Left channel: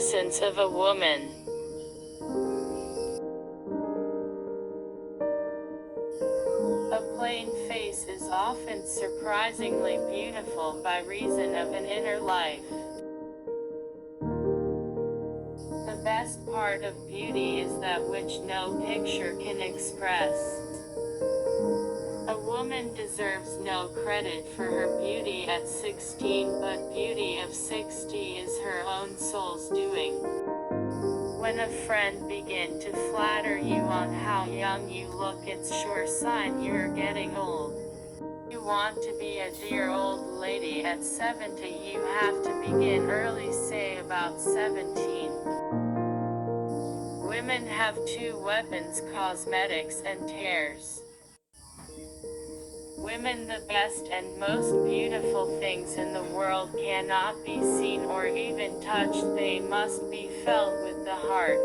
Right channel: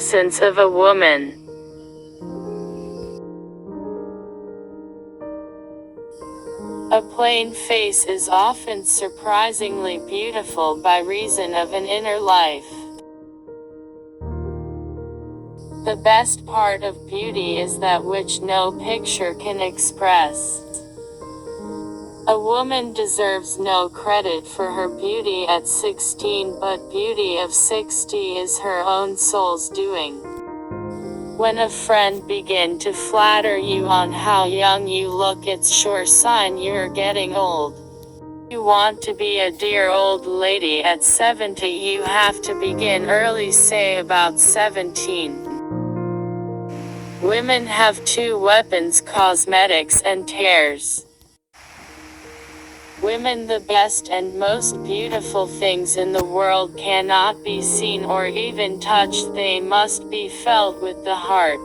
essence of a woman. A plain face is often surprisingly beautiful by reason of an inner life. The best part of beauty is that which no picture can express. A woman deserves no credit for her beauty at 16, but beauty of 60 is her own soul's doing. When a friend begins to flatter you on how young you look, it's sure sign you're getting old. You want to be a dear old lady at 70, you have to begin early, say about 17. Women have two weapons: cosmetics and tears. Women, the best and most beautiful things in the world, cannot be seen or even touched, they must be felt with the heart.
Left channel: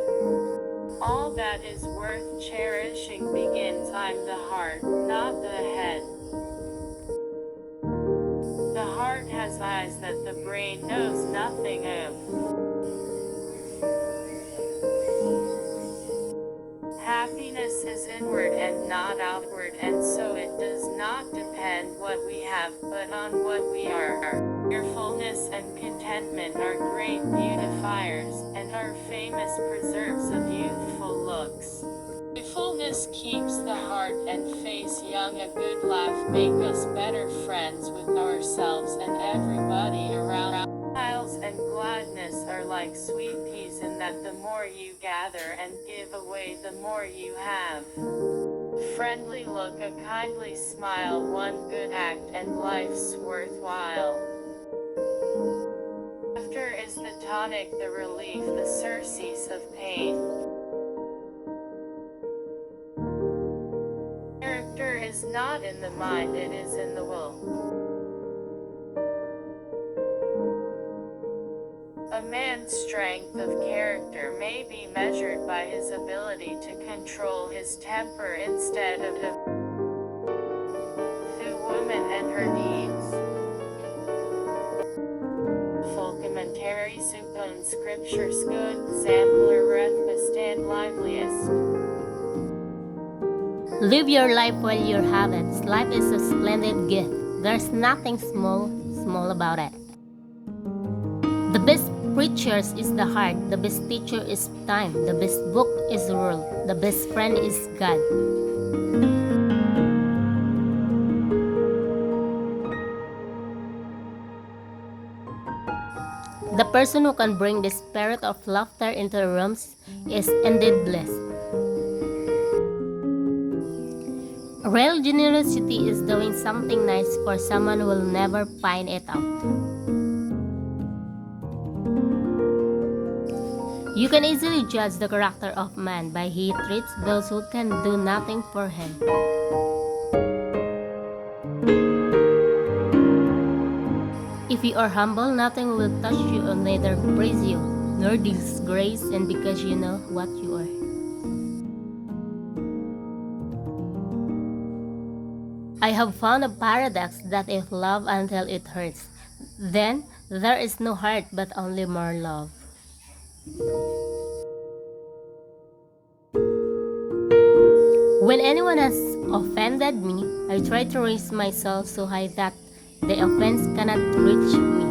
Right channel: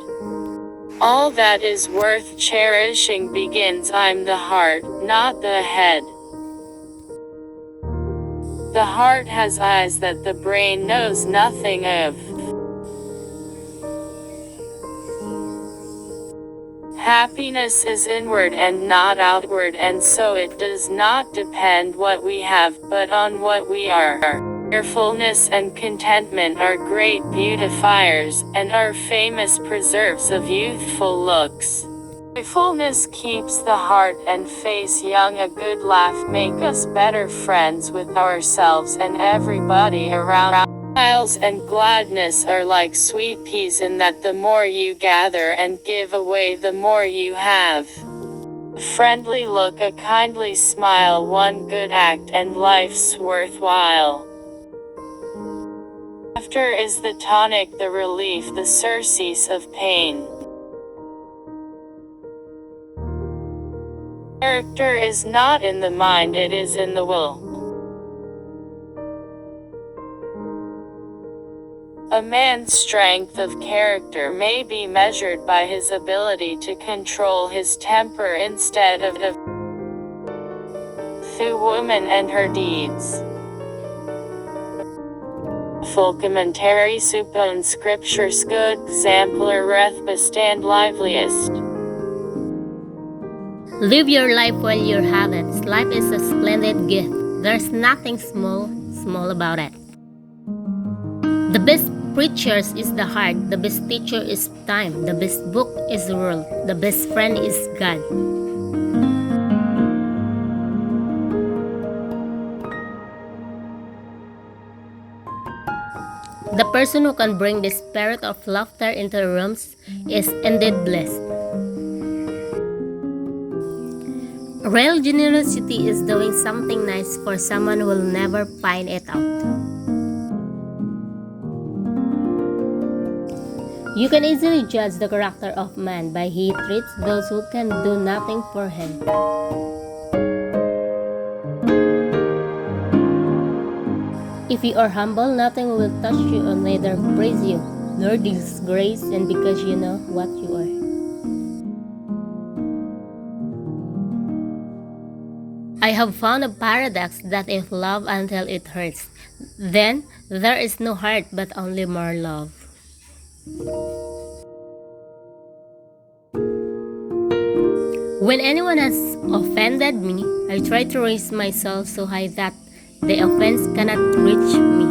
All that is worth cherishing begins I'm the heart, not the head. The heart has eyes that the brain knows nothing of. Happiness is inward and not outward, and so it does not depend what we have, but on what we are. Cheerfulness and contentment are great beautifiers, and are famous preserves of youthful looks. Joyfulness keeps the heart and face young. A good laugh makes us better friends with ourselves and everybody around. Smiles and gladness are like sweet peas, in that the more you gather and give away, the more you have. A friendly look, a kindly smile, one good act, and life's worthwhile. Laughter is the tonic, the relief, the surcease of pain. Character is not in the mind, it is in the will. A man's strength of character may be measured by his ability to control his temper instead of through woman and her deeds. Full commentary supon scriptures good exemplar reth bestand liveliest. Live your life while you have it. Life is a splendid gift. There's nothing small about it. The best preachers is the heart, the best teacher is time, the best book is the world, the best friend is God. The person who can bring the spirit of laughter into rooms is indeed blessed. Real generosity is doing something nice for someone who will never find it out. You can easily judge the character of man by how he treats those who can do nothing for him. If you are humble, nothing will touch you or neither praise you, nor disgrace, and because you know what you are. I have found a paradox that if love until it hurts, then there is no heart but only more love. When anyone has offended me, I try to raise myself so high that the offense cannot reach me.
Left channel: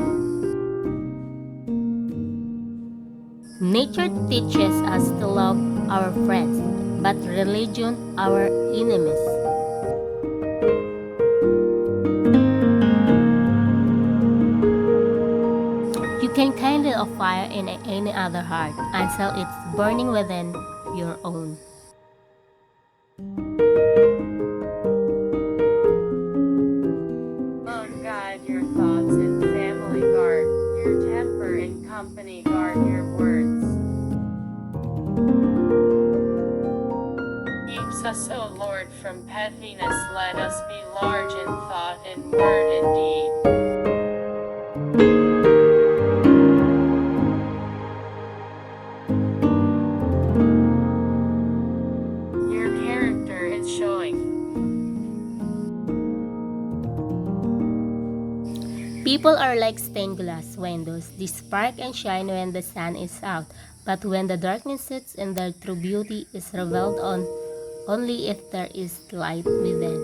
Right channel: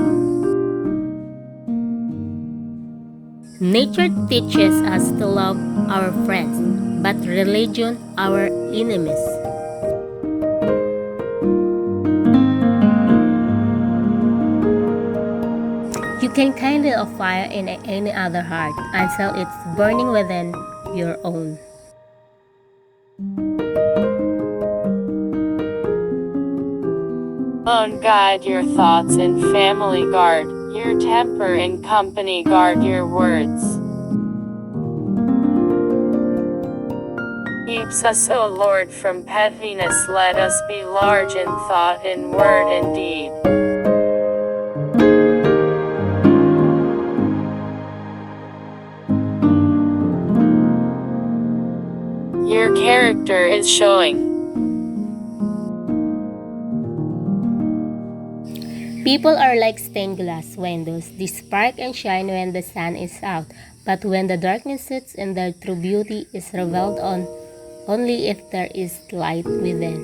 Nature teaches us to love our friends, but religion our enemies. You can kindle a fire in any other heart until it's burning within your own. Alone guide your thoughts, in family guard your temper, in company guard your words. Keeps us, O Lord, from pettiness, let us be large in thought, in word and deed. Your character is showing. People are like stained glass windows. They spark and shine when the sun is out, but when the darkness sits in, their true beauty is revealed on only if there is light within.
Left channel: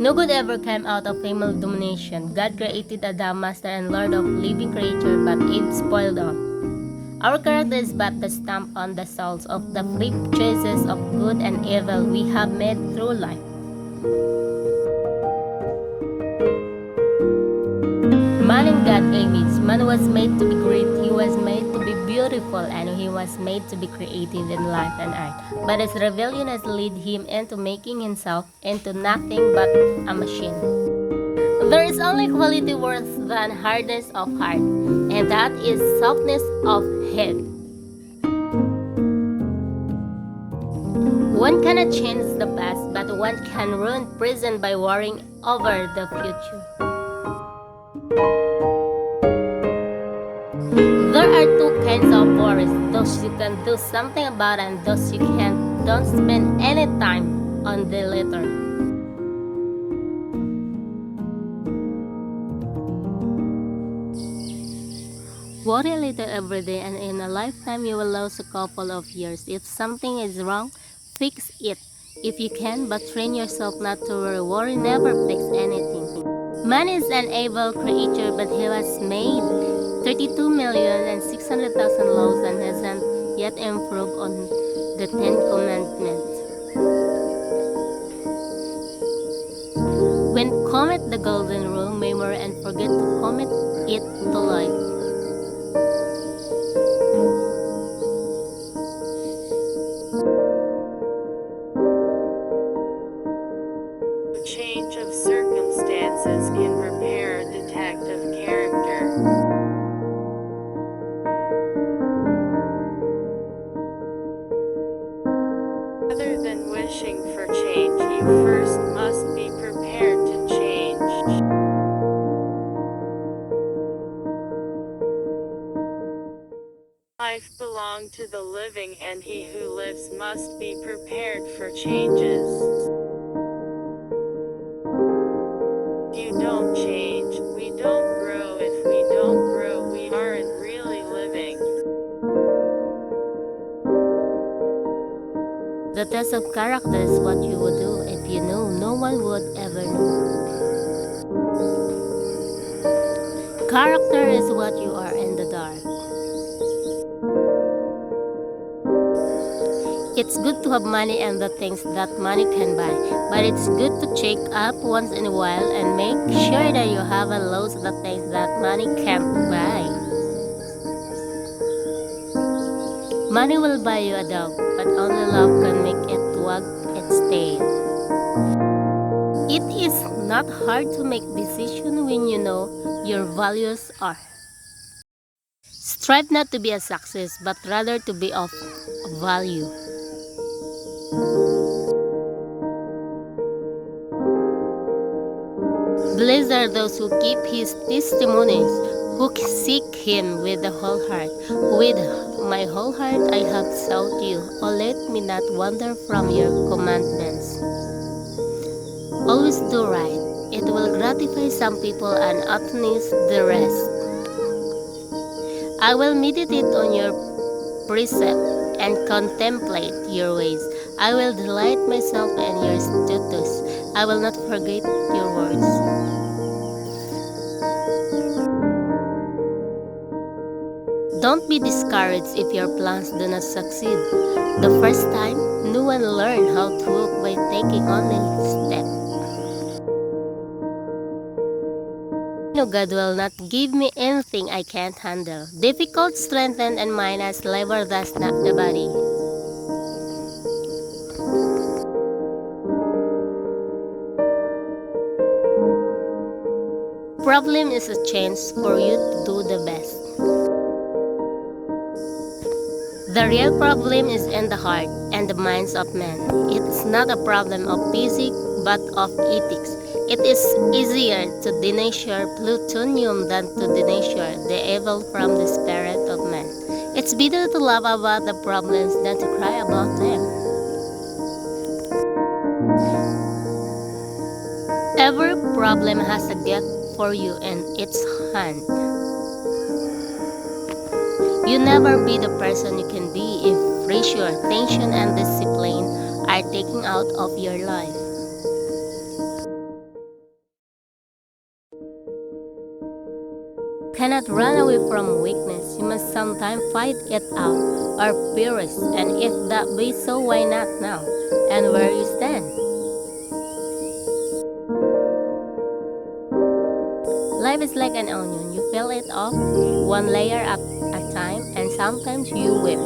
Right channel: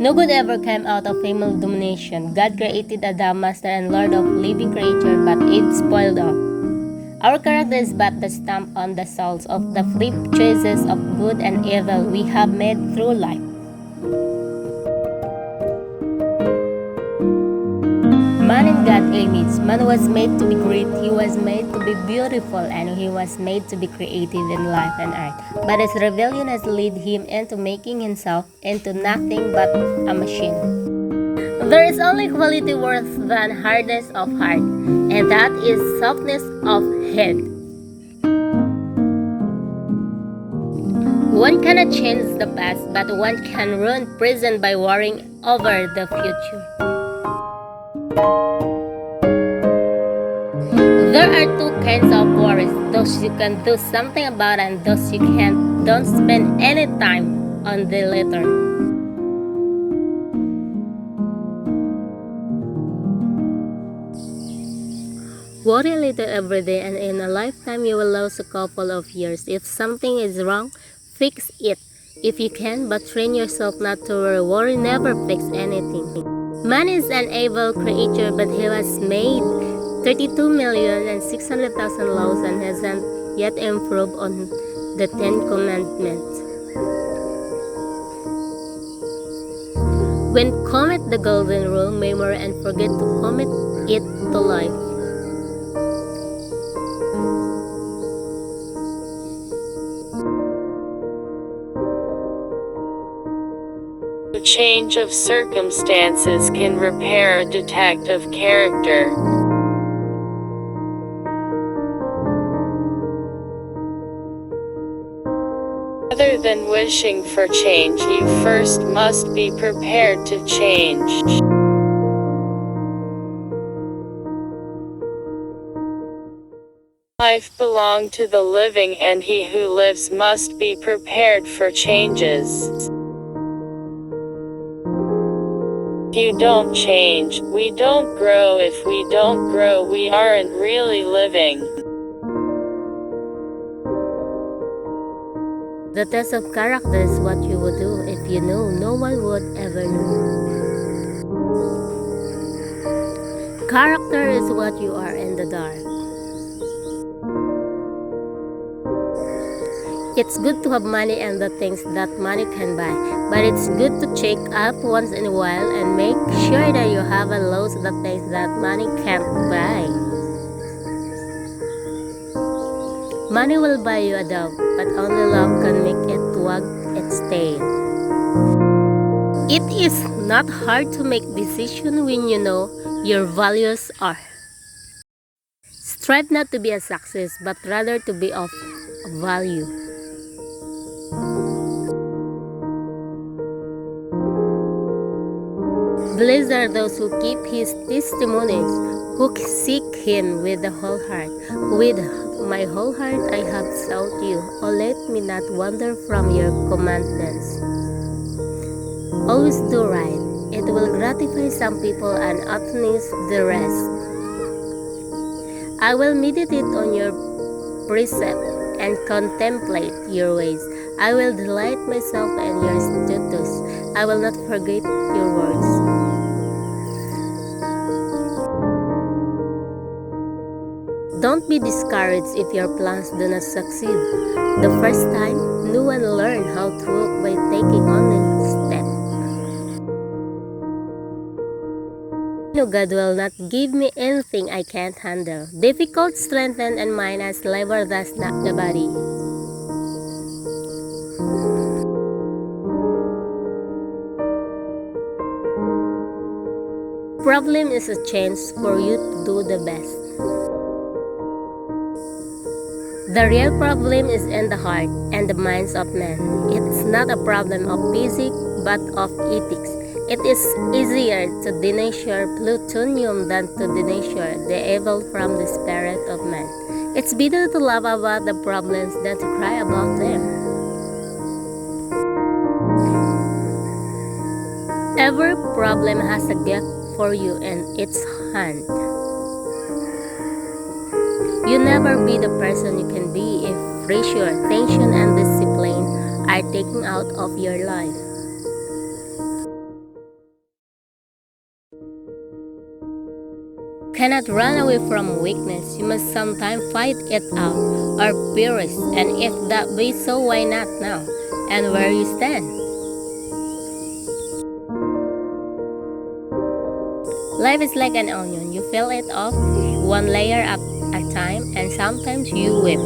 No good ever came out of female domination. God created Adam, master and lord of living creature, but Eve spoiled all. Our character is but the stamp on the souls of the flip choices of good and evil we have made through life. Man in God's image. Man was made to be great, he was made to be beautiful, and he was made to be creative in life and art. But his rebellion has led him into making himself into nothing but a machine. There is only quality worse than hardness of heart, and that is softness of head. One cannot change the past, but one can ruin present by worrying over the future. There are two kinds of worries, those you can do something about and those you can't. Don't spend any time on the latter. Worry a little every day, and in a lifetime you will lose a couple of years. If something is wrong, fix it if you can, but train yourself not to worry. Worry never fix anything. Man is an able creature, but he was made 32,600,000 laws and hasn't yet improved on the 10 Commandments. When commit the golden rule, memory and forget to commit it to life. A change of circumstances can repair a defective character. Rather than wishing for change, you first must be prepared to change. Life belongs to the living, and he who lives must be prepared for changes. If you don't change, we don't grow. If we don't grow, we aren't really living. The test of character is what you would do if you knew no one would ever know. Character is what you are in the dark. It's good to have money and the things that money can buy, but it's good to check up once in a while and make sure that you haven't lost the things that money can't buy. Money will buy you a dog, but only love can make it wag its tail. It is not hard to make decisions when you know your values are. Strive not to be a success, but rather to be of value. Blessed are those who keep his testimonies, who seek him with the whole heart. With my whole heart I have sought you. Oh, let me not wander from your commandments. Always do right. It will gratify some people and astonish the rest. I will meditate on your precept and contemplate your ways. I will delight myself in your statutes. I will not forget your words. Don't be discouraged if your plans do not succeed. The first time, no one learned how to walk by taking only a step. No, God will not give me anything I can't handle. Difficult, strengthened, and mine as labor does not the body. Problem is a chance for you to do the best. The real problem is in the heart and the minds of men. It's not a problem of physics, but of ethics. It is easier to denatured plutonium than to denatured the evil from the spirit of man. It's better to laugh about the problems than to cry about them. Every problem has a gift for you in its hand. You never be the person you can be if pressure, tension, and discipline are taken out of your life. Cannot run away from weakness. You must sometimes fight it out or perish. And if that be so, why not now? And where you stand? Life is like an onion. You peel it off one layer at a time, and sometimes you weep.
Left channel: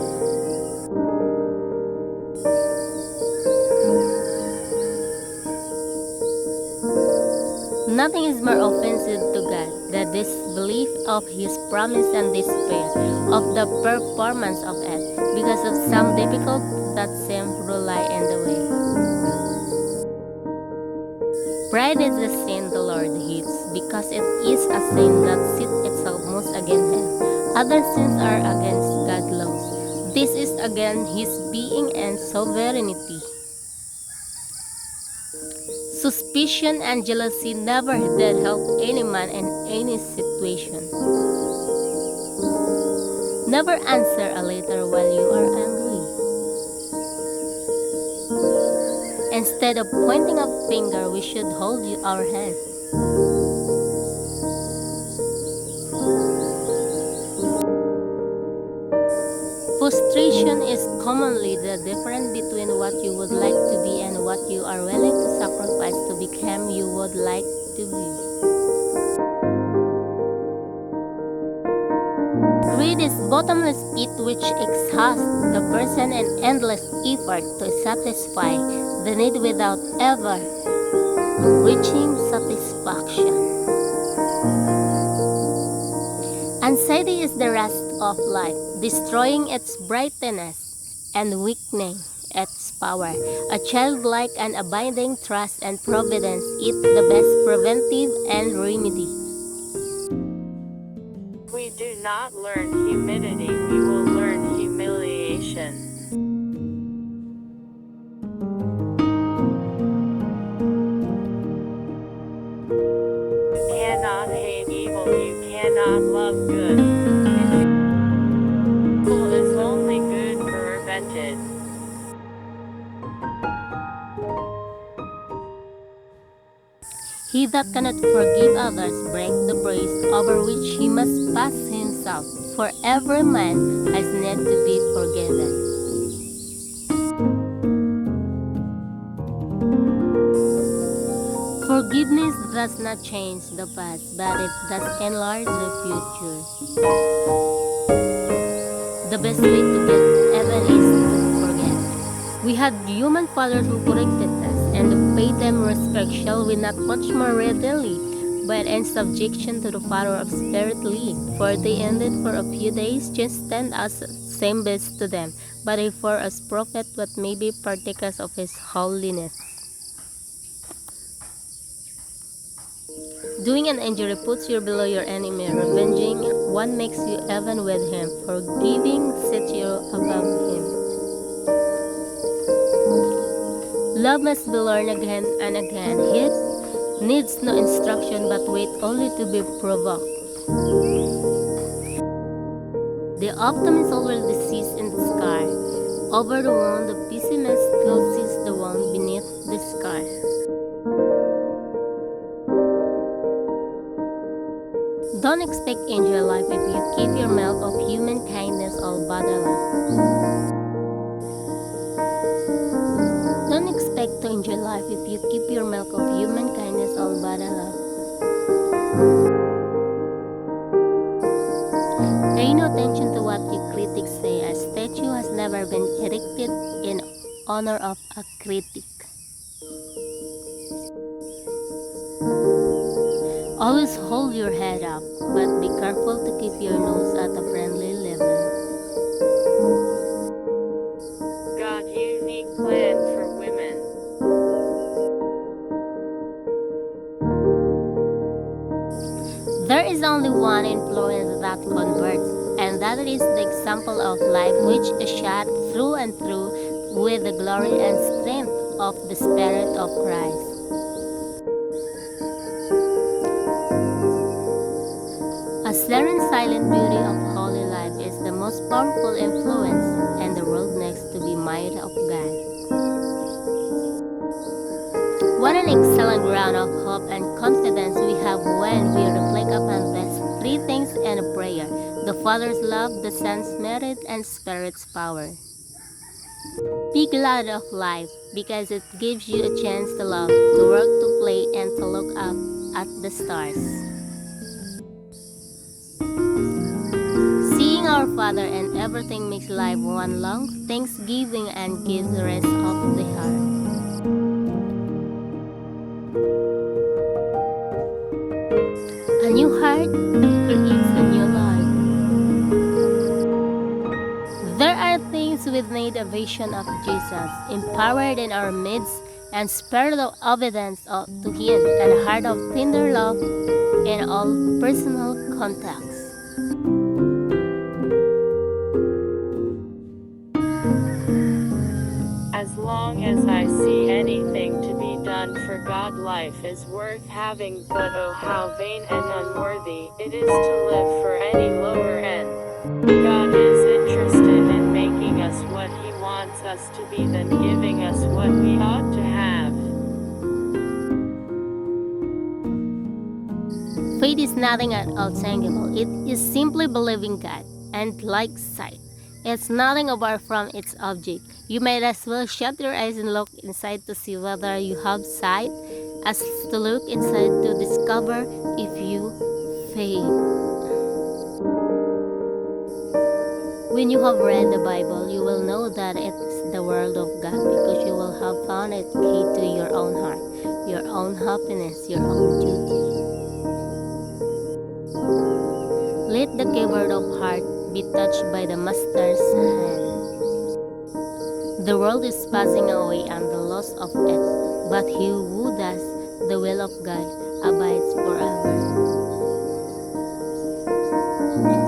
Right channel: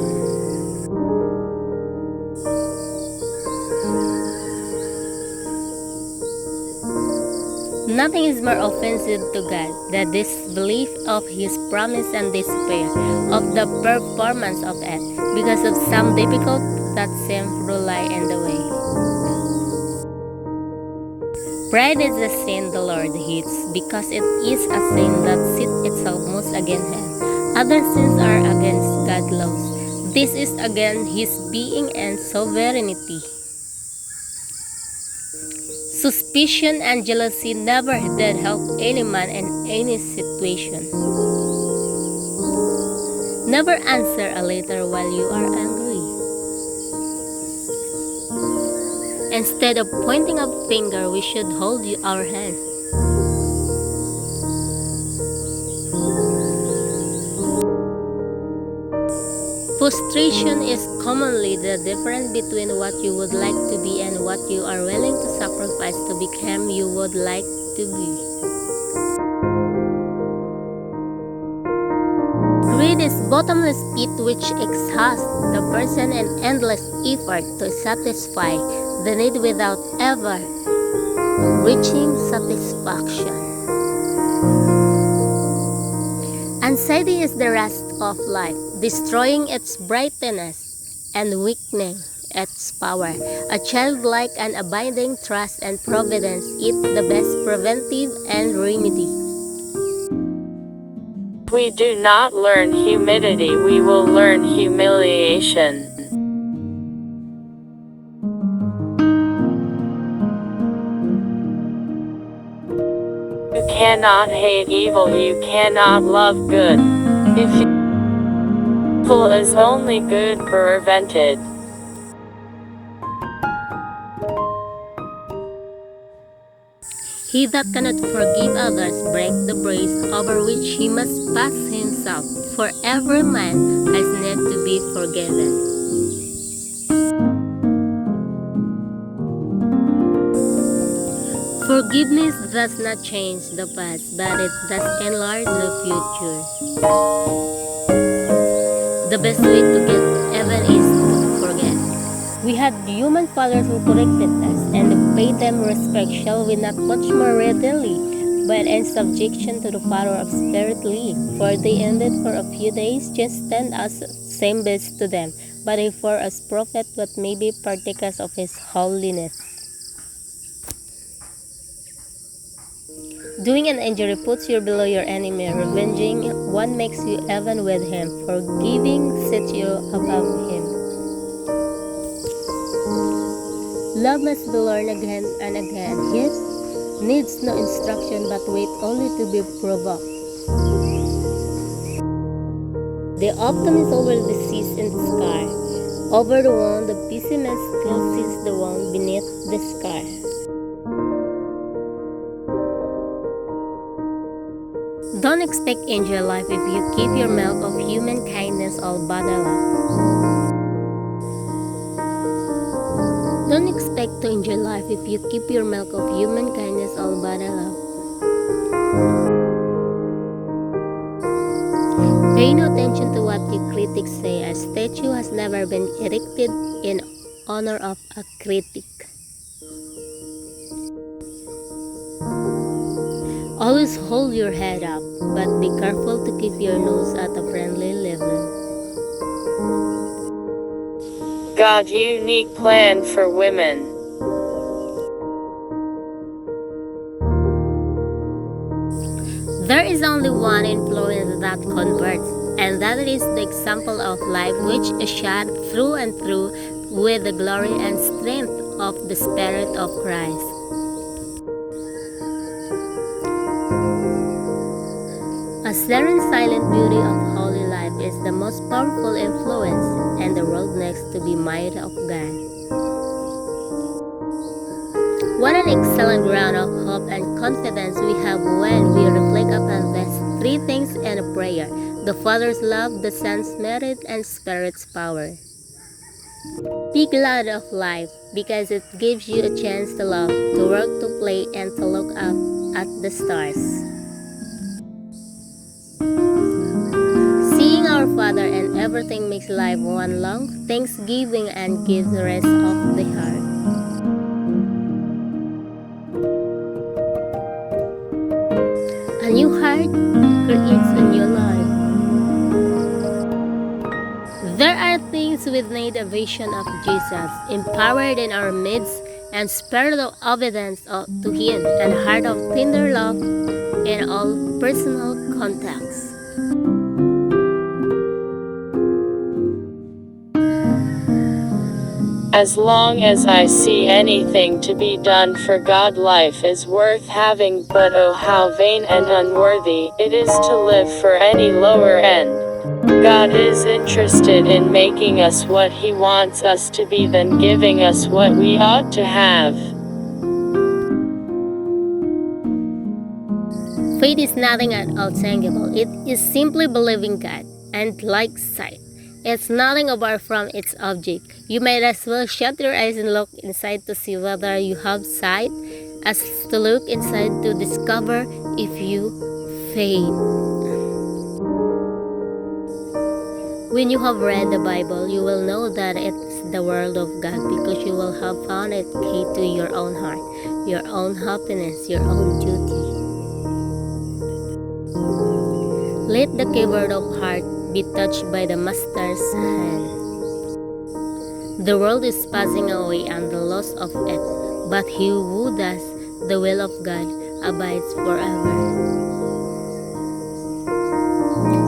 Nothing is more offensive to God than disbelief of His promise and despair of the performance of it because of some difficult that seem to lie in the way. Pride is a sin the Lord hates because it is a sin that sets itself most against Him. Other sins are against God's laws. This is against His being and sovereignty. Suspicion and jealousy never did help any man in any situation. Never answer a letter while you are angry. Instead of pointing a finger, we should hold our hand. Frustration is commonly the difference between what you would like to be and what you are willing to sacrifice to become you would like to be. Greed is bottomless pit which exhausts the person in endless effort to satisfy the need without ever reaching satisfaction. Anxiety is the rust of life, destroying its brightness and weakening its power. A childlike and abiding trust and providence is the best preventive and remedy. If we do not learn humility, we will learn humiliation. You cannot hate evil, you cannot love good. If evil is only good prevented. He that cannot forgive others breaks the brace over which he must pass himself, for every man has need to be forgiven. Forgiveness does not change the past, but it does enlarge the future. The best way to get even is to forget. We had human fathers who corrected us, and to pay them respect shall we not much more readily, but in subjection to the Father of Spirit live. For they ended for a few days, just stand as same best to them, but for us prophet what may be partakers of His holiness. Doing an injury puts you below your enemy. Revenging one makes you even with him. Forgiving sets you above him. Love must be learned again and again. It needs no instruction but wait only to be provoked. The optimist already sees in the sky. Over the wound, the pessimist closes the wound beneath the scar. Don't expect angel life if you keep your milk of human kindness all bottled up. Don't expect to enjoy life if you keep your milk of human kindness all bottled up. Pay no attention to what the critics say. A statue has never been erected in honor of a critic. Always hold your head up, but be careful to keep your nose at a friendly level. God's unique plan for women. There is only one influence that converts, and that is the example of life which is shot through and through with the glory and strength of the Spirit of Christ. serene silent beauty of holy life is the most powerful influence and the world next to be might of God. What an excellent ground of hope and confidence we have when we reflect upon these three things in a prayer: the Father's love, the Son's merit, and Spirit's power. Be glad of life because it gives you a chance to love, to work, to play, and to look up at the stars. Seeing our Father and everything makes life one long thanksgiving and gives rest of the heart. A new heart creates a new life. There are things we need a vision of Jesus, empowered in our midst, and spirit of obedience to Him, and a heart of tender love in all personal contacts. As long as I see anything to be done for God, life is worth having, but oh how vain and unworthy it is to live for any lower end. God is interested in making us what He wants us to be than giving us what we ought to have. Faith is nothing at all tangible. It is simply believing God, and like sight, it's nothing apart from its object. You might as well shut your eyes and look inside to see whether you have sight, as to look inside to discover if you faith. When you have read the Bible, you will know that it's the Word of God because you will have found it key to your own heart, your own happiness, your own duty. Let the keyboard of heart be touched by the Master's hand. The world is passing away and the loss of it, but he who does the will of God abides forever.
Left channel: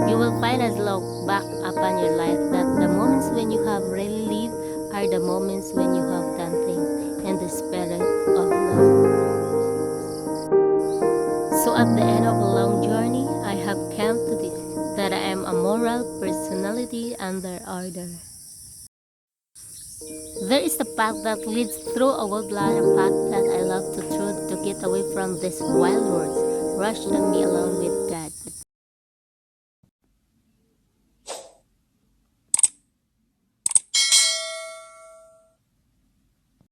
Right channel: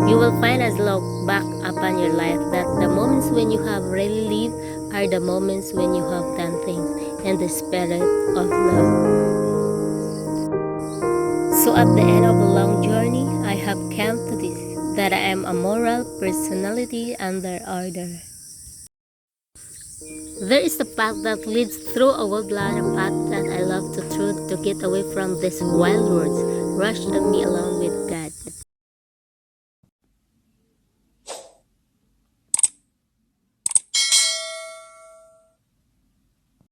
You will find as look back upon your life that the moments when you have really lived are the moments when you have done things in the spirit of love. So at the end of a long journey, I have come to this, that I am a moral personality under order. There is a path that leads through a woodland, a path that I love to through to get away from these wild roads, rush and be alone with God.